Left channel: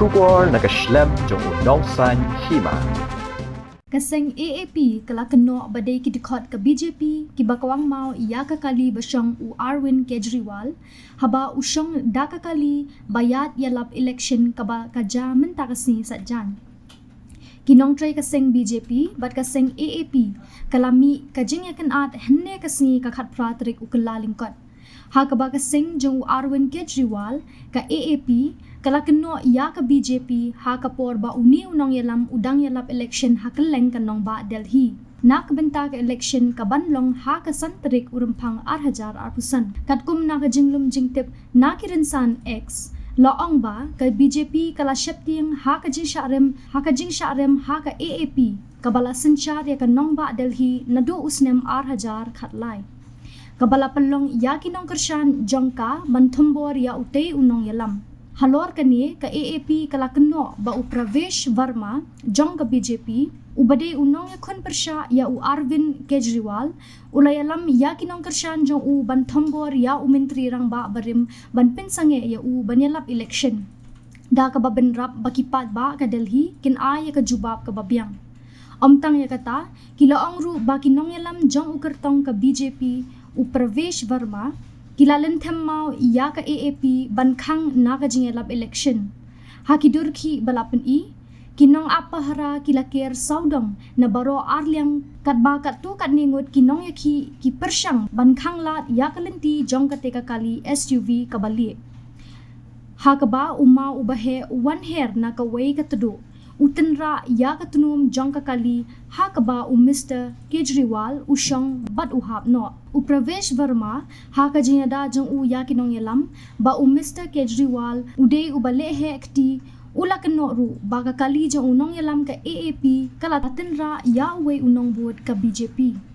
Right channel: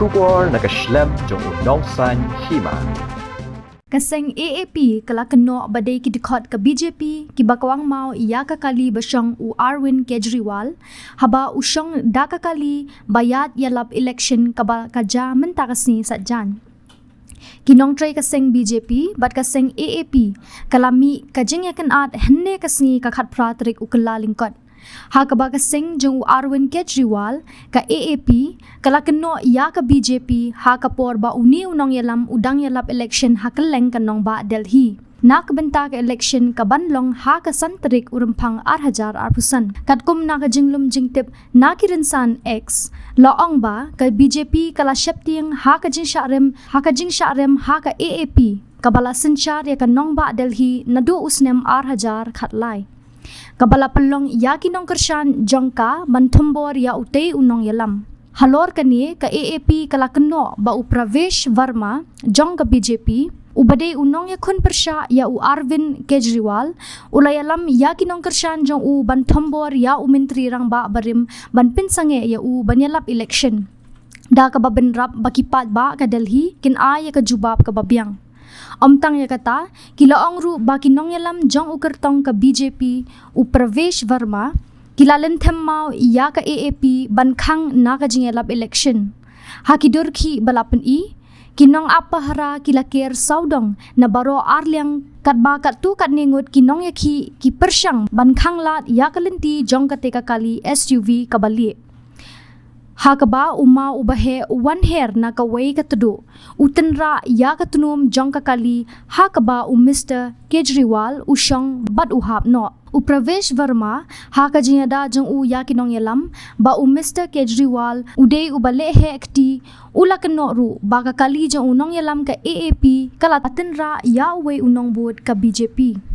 Shukor nakaslem jong unong san hima. Kaseng AAP kalakano badai ki dikot ke BJP ki bakwang mau iya kakali basyang u Arvind Kejriwal haba usyong da kakali bayat yalap election kaba kaja mentakasni satjan. Kinong try kaseng BJP bat kaseng AAP kalami kajeng yakan at henne kasni kakat pratrik ukala lingkot. Ha kaba kaseng jong u Arvind Kejriwal ka AAP kalakano ya ka BJP ha kapor ba uni unong yalam udang yalap election ha kaleng kanong ba Delhi. Na kabenta ka election ka banlong ha ka santrik urumpang 8,000%. Katkum na ka jinglum jingtip na kirinsan X laong ba ka BJP kala syapting ha ka jing syarem ha ka AAP kabala senchar ya kanong ba Delhi na do usnem 8,000 khatlai. Kabala pelong ya kinong kersyan jongka mantumbor ya utay unong yalam. Halor kani ka AAP kalakano ba u Pravesh Verma jong ka BJP ubade unong ya kun persya ya u Arvind Kejriwal ulayalam ya kinong kersyan jong u bantumbor ya u menteri rang ba barim ban pinsange ya u banyalap election. Da ka babenrap bakipat ba ka Delhi kin ya ka jubab ka babyang. Omtang ya kata, kilaong ru ba kinong yalam jong ukertong ka BJP u Pravesh Verma, kilalen mau ya ka AAP bankang na ka jingelap election. Hakidur ki balapan kinong apahara kilakir saudong na baro arliang katba katu kat ningut kinong ya ki persyang bankang lat ya kalenti jong kateka kali SUV kabali. Hakaba uma ubahe one hair na kaway katudu. Utenra ya katunum jong kakali hakaba Mr. Kejriwal usyong bat uhap no. Pravesh Verma haka jinyada jong ya kinong yalam ba Mr. Kejriwal uday ubalehe ekti ula keno ru baka kali jong unong yalam ka AAP kala patenra ya uwe unong bud ka BJP.